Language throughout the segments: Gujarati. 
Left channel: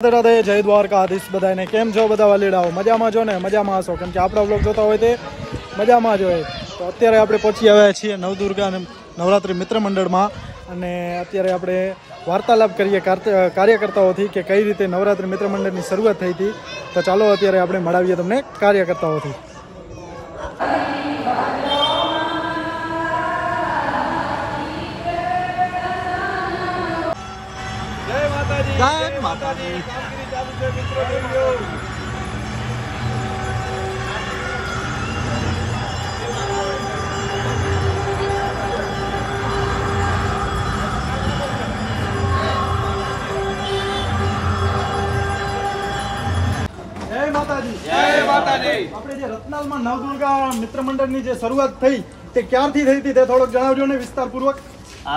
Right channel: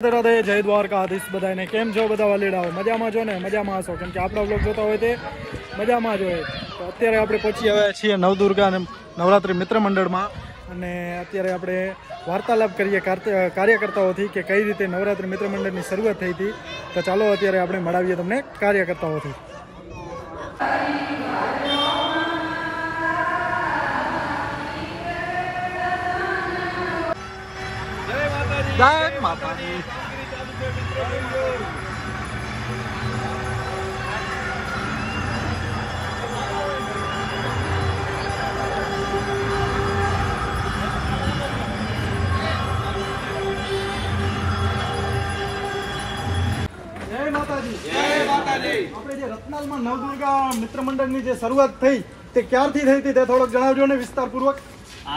રાધે જય દ્વારકાધીશ બધાને કેમ છો બધા વાલીડાઓ મજામાં છો ને મજામાં હશો કેમ કે આપણા બ્લોગ જોતા હોય તે મજામાં જ હોય તો અત્યારે આપણે પહોંચી આવ્યા છીએ નવદુર્ગા નવરાત્રિ મિત્ર મંડળમાં અને અત્યારે આપણે વાર્તાલાપ કરીએ કાર્યકર્તાઓથી કે કઈ રીતે નવરાત્રિ મિત્ર મંડળની શરૂઆત થઈ હતી તો ચાલો અત્યારે આપણે મળાવીએ તમને કાર્યકર્તાઓથી જય માતાજી આપણે જે રતનાલમાં નવદુર્ગા મિત્ર મંડળની જે શરૂઆત થઈ તે ક્યારથી થઈ હતી તે થોડોક જણાવજો ને વિસ્તારપૂર્વક.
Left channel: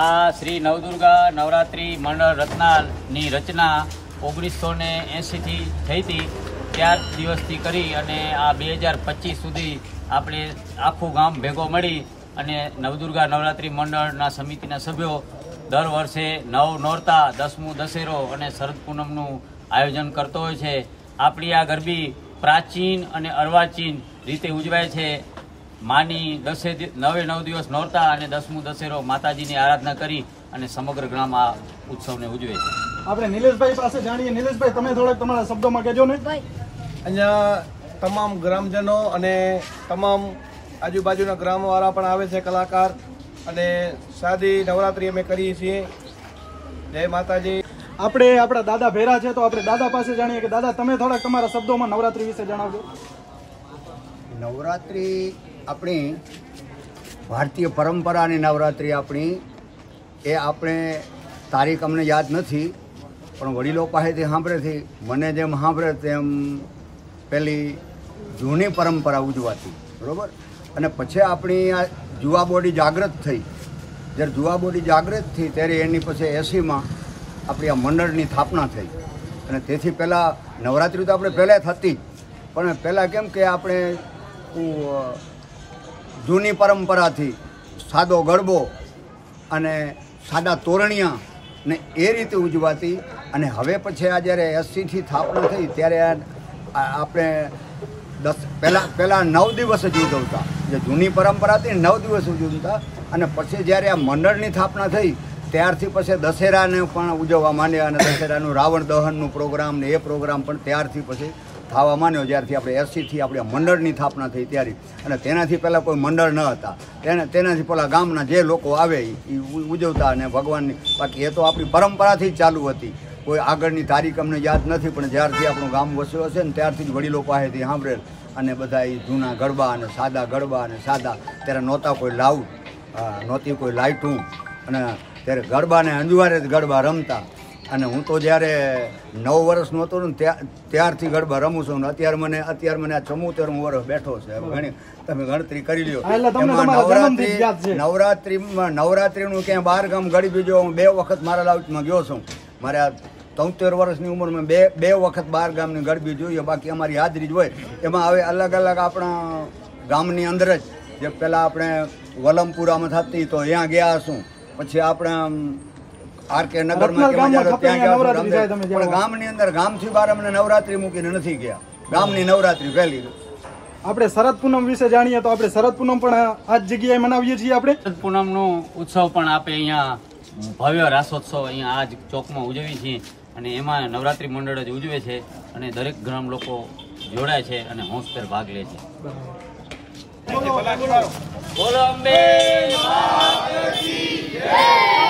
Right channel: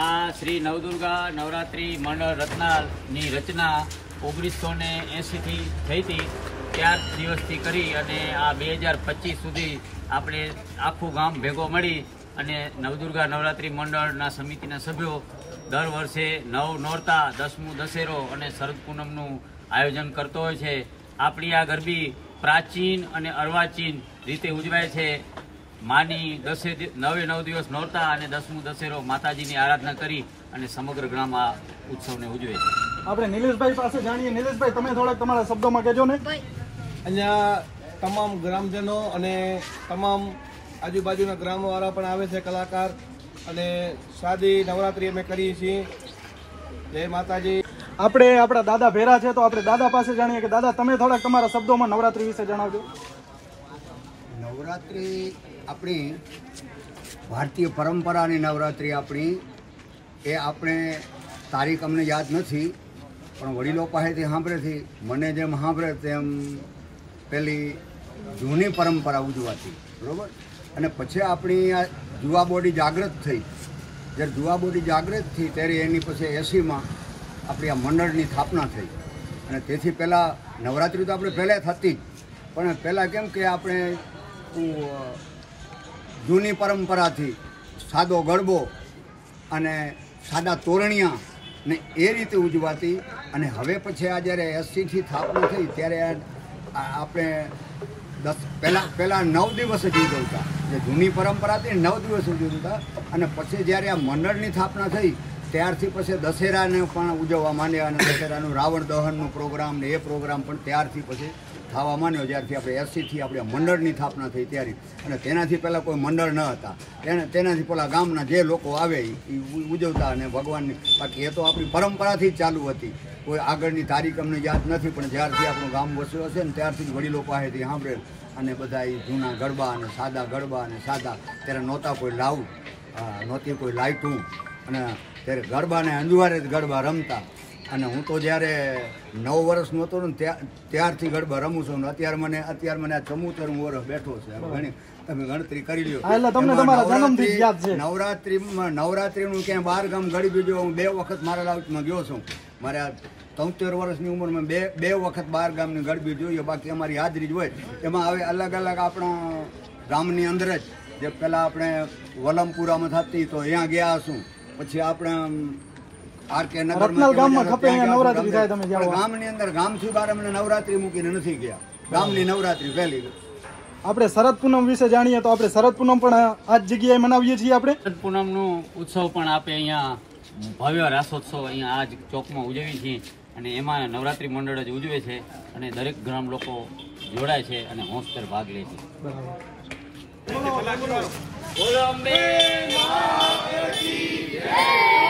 આ શ્રી નવદુર્ગા નવરાત્રિ મંડળ રત્નાલની રચના 1980 થી થઈ હતી. ત્યાર દિવસથી કરી અને આ 2025 સુધી આપણે આખું ગામ ભેગો મળી અને નવદુર્ગા નવરાત્રિ મંડળના સમિતિના સભ્યો દર વર્ષે નવ નોરતા, 10મું દશેરો અને શરદ પૂનમનું આયોજન કરતો હોય છે. આપણી આ ગરબી પ્રાચીન અને અર્વાચીન રીતે ઉજવાય છે. માની 9 દિવસ નોરતા અને 10મું દશેરો માતાજીની આરાધના કરી અને સમગ્ર ગ્રામ આ ઉત્સવને ઉજવે છે. આપણે નિલેશભાઈ પાસે જાણીએ. નિલેશભાઈ, તમે થોડાક તમારા શબ્દોમાં કહેજો ને. અહીંયા તમામ ગ્રામજનો અને તમામ આજુબાજુના ગ્રામવાળા પણ આવે છે, કલાકાર, અને સાદી નવરાત્રિ અમે કરીએ છીએ. જય માતાજી. આપણે આપણા દાદા ભેરા છે તો આપણે દાદા પાસે જાણીએ કે દાદા તમે થોડાક તમારા શબ્દોમાં નવરાત્રિ વિશે જણાવજો. નવરાત્રિ આપણી ભારતીય પરંપરાની નવરાત્રિ આપણી એ આપણે તારીખ અમને યાદ નથી પણ વડીલો પાસેથી સાંભળેથી મને જેમ સાંભળે તેમ પેલી જૂની પરંપરા ઉજવાતી, બરાબર. અને પછી આપણી આ જુવા બોડી જાગૃત થઈ. જ્યારે જુવા બોડી જાગૃત થઈ ત્યારે એની પછી 80માં આપણી આ મંડળની સ્થાપના થઈ. અને તેથી પહેલાં નવરાત્રિ તો આપણે પહેલાં થતી પણ પહેલાં કેમ કે આપણે જૂની પરંપરાથી સાદો ગરબો અને સાદા તોરણિયા ને એ રીતે ઉજવાતી. અને હવે પછી આ જ્યારે 80થી સ્થાપના થઈ ત્યારે આપણે પહેલાં 9 દિવસ જ ઉજવતા. જે જૂની પરંપરા હતી 9 દિવસ ઉજવતા. અને પછી જ્યારે આ મંડળની સ્થાપના થઈ ત્યારથી પછી દશેરાને પણ ઉજવવા માંડ્યા અને દશેરાનું રાવણ દહનનું પ્રોગ્રામ ને એ પ્રોગ્રામ પણ ત્યારથી પછી થવા માંડ્યો. જ્યારથી આપણે 80થી આપણે મંડળની સ્થાપના થઈ ત્યારે. અને તેનાથી પહેલાં કોઈ મંડળ ન હતા. તેનાથી પહેલાં ગામના જે લોકો આવે એ ઉજવતા અને ભગવાનની. બાકી એ તો આપણી પરંપરાથી જ ચાલુ હતી. કોઈ આગળની તારીખ અમને યાદ નથી પણ જ્યારથી આપણું ગામ વસ્યો હશે ને ત્યારથી જ વડીલો પાસેથી સાંભળેલ. અને બધા એ જૂના ગરબા અને સાદા ગરબા અને સાદા ત્યારે નહોતા કોઈ લાઉડ, નહોતી કોઈ લાઇટું, અને ત્યારે ગરબાને અંજવારે જ ગરબા રમતા. અને હું તો જ્યારે 9 વર્ષનો હતો ને ત્યારથી ગરબા રમું છું. અત્યારે મને આ 74 વર્ષ બેઠો છે. ઘણી તમે ગણતરી કરી લ્યો. નવરાત્રિનું ક્યાંય 12 ગામ ગરબી જો હું 2 વખત મારા લાઉટમાં ગયો છું. મારા 73 વર્ષની ઉંમરમાં 2 વખત 12 ગામની ગરબી જોઈએ. બાકી અમારી હાજરી જ હોય. એમાં હવે અલગ અલગ આપણા ગામની અંદર જ જે પહેલાં આપણે વલમપુરામાં થતી તો ત્યાં ગયા છું. પછી આપણે આરકે નગરમાં ગામની અંદર ગામથી બહાર અમને નવરાત્રિ મૂકીને નથી ગયા. ગામની નવરાત્રિ પહેલી. આપણે શરદ પૂનમ વિશે જાણીએ તો આપણે શરદ પૂનમ પણ આ જ જગ્યાએ મનાવીએ છીએ. આપણે શરદ પૂનમનું ઉત્સવ પણ આપણે અહીંયા ભવ્ય રાસોત્સવ અહીંયા આ જ ચોકમાં ઉજવીએ છીએ. અને એમાં નવરાત્રિ મંડળ જ ઉજવે છે અને દરેક ગ્રામ લોકો જોડાય છે અને હોંશભેર ભાગ લે છે. બોલો અંબે માતની જય.